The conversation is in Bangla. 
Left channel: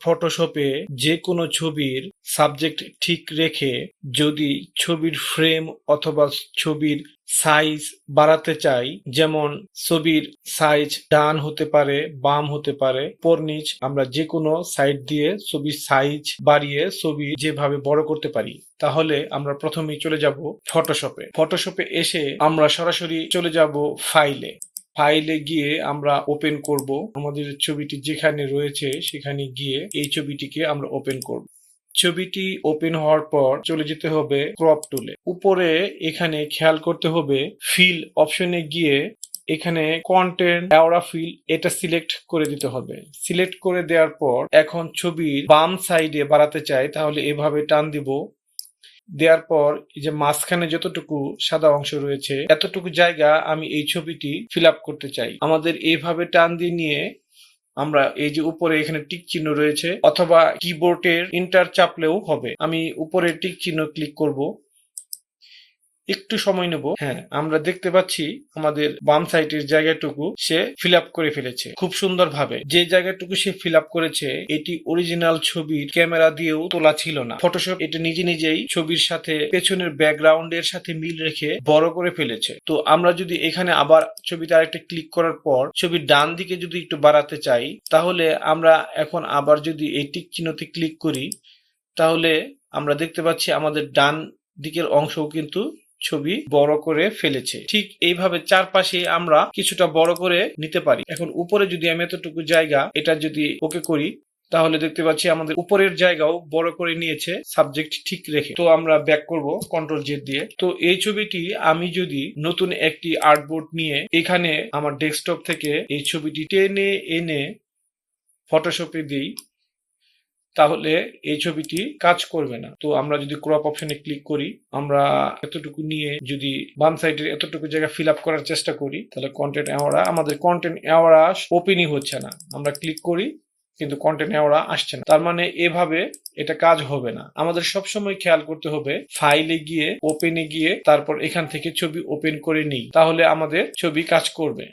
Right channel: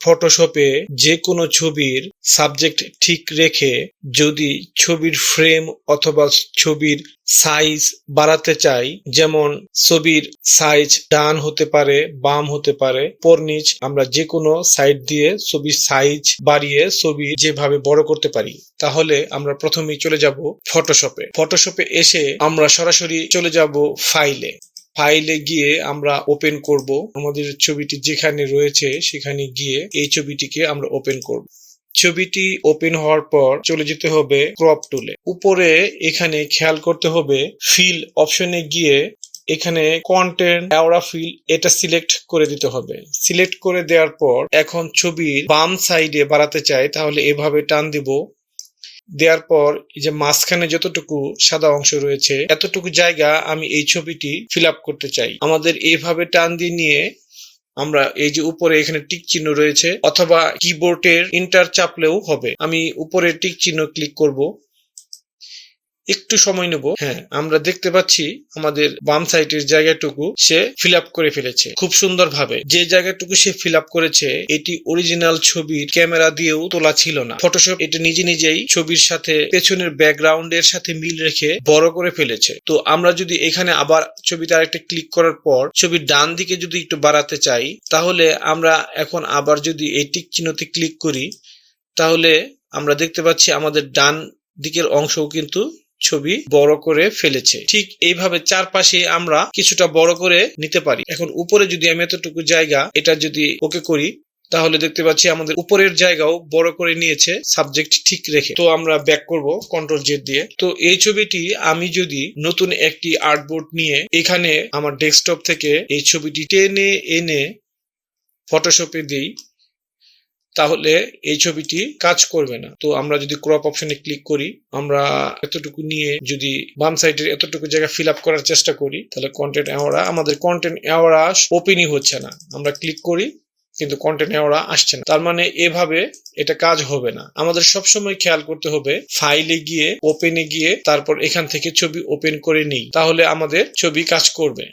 ফটোশপে যে কোনো ছবির সাবজেক্ট ঠিক রেখে যদি ছবির ফ্রেম অথবা ছবির সাইজ বাড়াতে চাই, যেমন ছবির সাইজ ডান হতে পারে, বাম হতে পারে, উপর নিচ, আমরা যে কোনো সাইড দিয়ে ছবির সাইজ বাড়িয়ে ছবি যেভাবে বড় করতে পারি। তাহলে আমরা প্রথমেই চলে যাব ফটোশপে এসে আমরা সরাসরি চলে যাব ফাইলে গিয়ে আমরা ওপেন করব। আমাদের ছবিটি যেখানে রয়েছে সেখানে গিয়ে এই ছবিটিকে আমরা ওপেন করব। ছবিটি ওপেন হওয়ার পর চলে যেতে হবে ক্রপ টুলে। উপরে এখানে খেয়াল করতে হবে ফিল অপশনে গিয়ে এখানে কন্টেন্ট অ্যাওরা ফিল এটা সিলেক্ট করে দিতে হবে। সিলেক্ট করে দেওয়ার পর এখন ছবির বাম সাইডে বাড়াতে চাই, তাহলে এভাবে টান দিব। দেওয়ার পর এই যে মাঝখানে যতটুকু সাদা অংশ রয়েছে এতটুকু জায়গা আমি এই ছবিটি ফিল আপ করতে চাই। আমাদের এইভাবে টান দিয়ে নিয়ে আমরা এই যে উপরে এখানে টিক চিহ্ন রয়েছে, অথবা কিবোর্ডের এন্টার চাপলেও হবে। আমি উপরে টিক চিহ্ন ক্লিক করব, একটু সময় নেব। হ্যাঁ, আমরা দেখতে পাচ্ছি আমাদের বাম সাইডের জায়গাটুকু সে ফিল আপ করে ফেলেছে খুব সুন্দরভাবে। যে জায়গাটুকু সে ফিল আপ করেছে এটি অরিজিনাল ছবির ক্যামেরা দিয়েও তোলা ছিল না। ফটোশপ এটা নিজে নিজেই ছবির সাথে পেছনের ব্যাকগ্রাউন্ডের সাথে মিল রেখে বড় করে ফেলেছে। তো আমরা যদি এখানে আবার ছবিতে আরেকটা ক্লিক করার পর ছবির ডান দিকে যদি একটু বাড়াতে চাই, তাহলে আমরা এখন আবার যদি এই টিক চিহ্নতে ক্লিক করি, তাহলে আমরা দেখতে পাচ্ছি আমাদের ডান দিকের অংশও কিন্তু ছবি বড় করে ফেলেছে। ঠিক এইভাবে চারপাশে আমরা কিছুটা বড় করে নিতে পারি। এখন উপরে যদি আমি এতটুকু জায়গা এটা যদি ওকে করি, তাহলে দেখতে পাচ্ছি আমাদের উপরের জায়গাও বড় করে নিয়েছে সাবজেক্ট ঠিক রেখে। তো আমরা ব্যাক করব কন্ট্রোল জেড দিয়ে। তো এই ছবিটি আমি যদি নতুন একটি আর্টবোর্ড নিয়ে এখানে আমার ডেস্কটপ থেকে এই ছবিটি টেনে এনে ফটোশপে দিই, তাহলে এই ছবিটি কাজ করবে না। তো আমরা যদি ক্রপ অপশনে ক্লিক করি, আমরা এতটুকু নিয়ে যদি বাম সাইডের এতটুকু জায়গা ফিল আপ করার চেষ্টা করি, তাহলে কন্টেন্ট অ্যাওরা, আমাদের কন্টেন্ট অ্যাওরা ওপেনই হচ্ছে না। আমরা ক্লিক করি কিন্তু কন্টেন্ট অ্যাওরা আসছে না। তার মানে এভাবে এটা কাজ হবে না। আমাদের সবসময় খেয়াল করতে হবে ফাইলে গিয়ে ওপেনে গিয়ে তারপর এখান থেকে ছবি ওপেন করে নিই, তাহলে আমাদের ছবি কাজ করবে।